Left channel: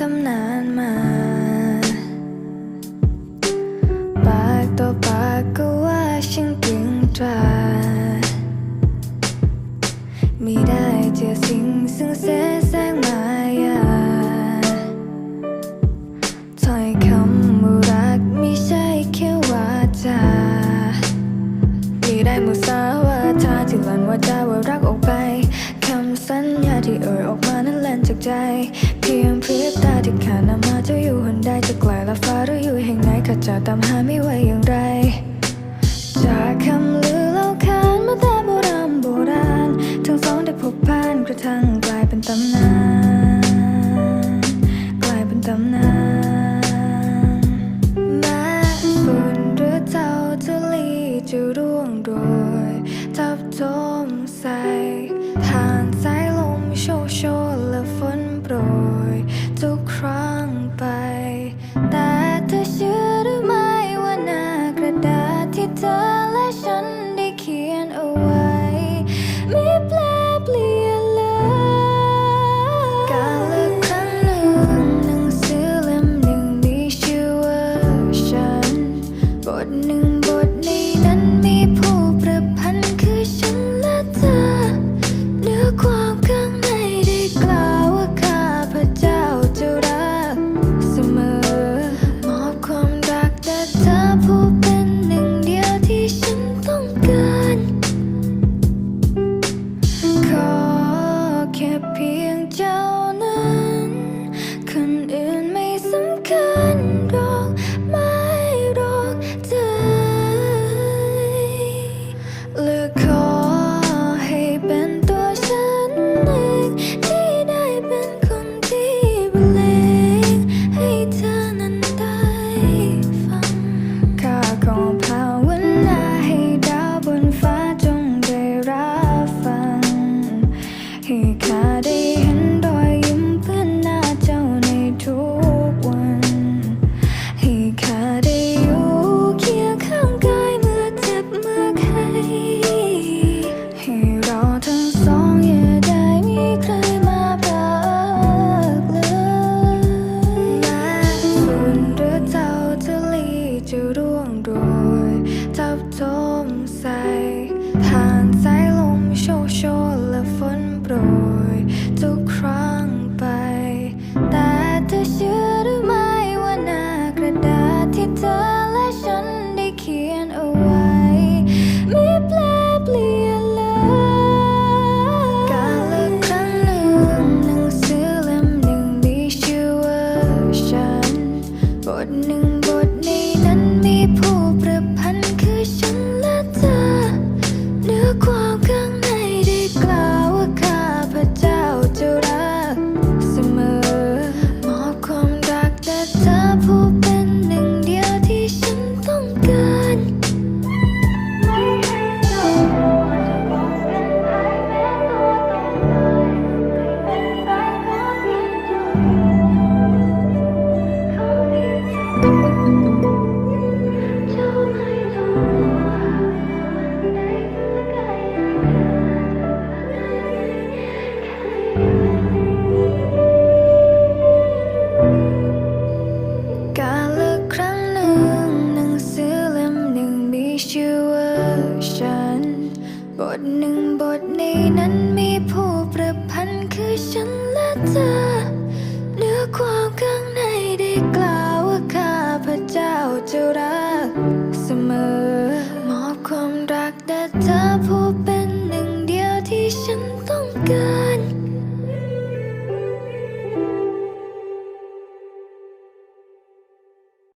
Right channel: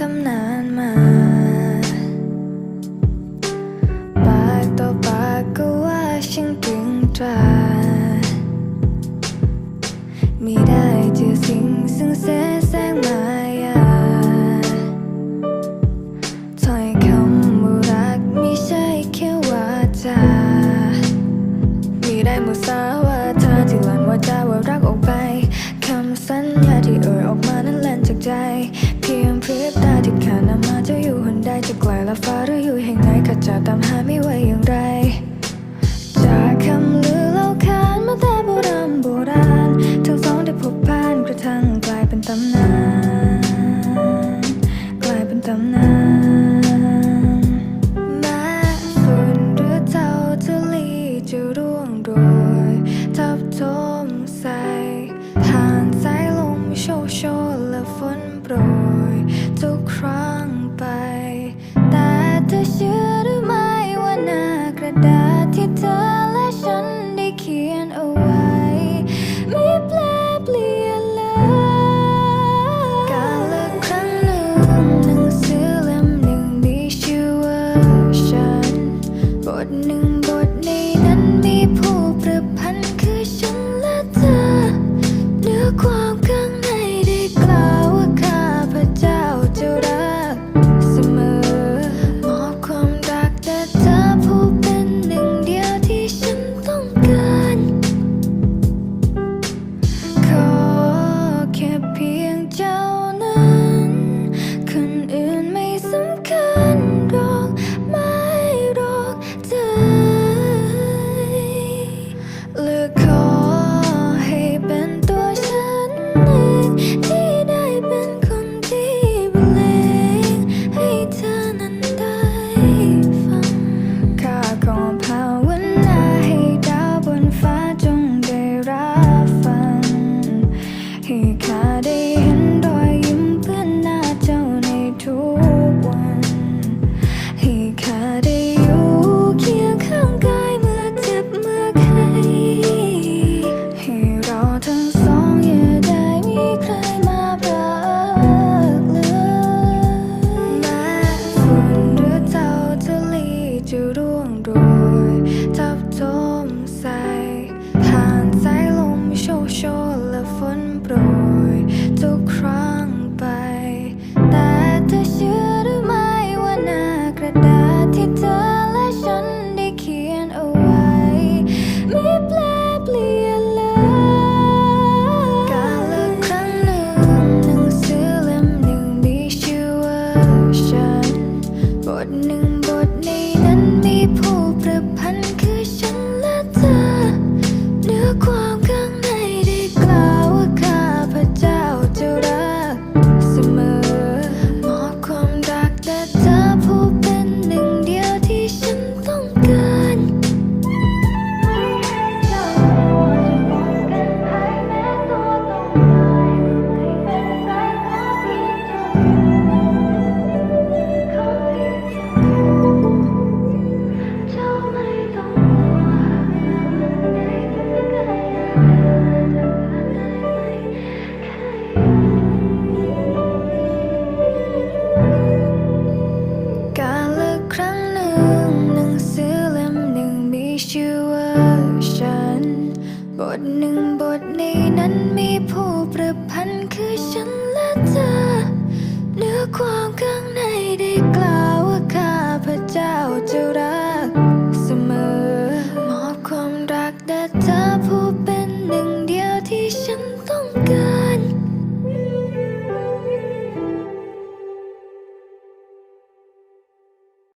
ตำนานมา ปากต่อปากก็ว่าช่างตรึงตรามีได้เจอสิ่งซึ่งแสแสง สาวาทาที่หลันว่าจาว่ารักออกไปคำสัญญาที่เอ่ยออกมานั้นแล่นจากใจ เพียงพริบตาที่ขาดนำมาจะอยู่หนใดจะไกลละฟ้าหรืออยู่แห่งไหนข้าจะตามหาไม่ไหวอย่างไร จากคำลือเล่าขานมาแต่โบราณโบราณ ทั้งสองได้พบผ่านกระทั่งกลายเป็นตำนาน กลายเป็นตำนาน วยทับทมใส่ผ่านสายลมโชกโชนและฝนโปรย ทุกครั้งไป แต่เธอเชื่อหรือไม่ว่าหน้ากระดาษที่เธอและฉันได้เขียนเอาไว้ ไม่แปลเปลี่ยนเลย กาลครั้งหนึ่ง เพียงเจ้า บท บทหนึ่งบทในนั้นมีผู้ประพันธ์คือฉันและเธอ เนื้อความข้างในได้กล่าวว่าข้าพระเจ้าจะรักเสมอ มอบความรักแต่เธอผู้เป็นหนึ่งเดียวที่ฉันต้องการ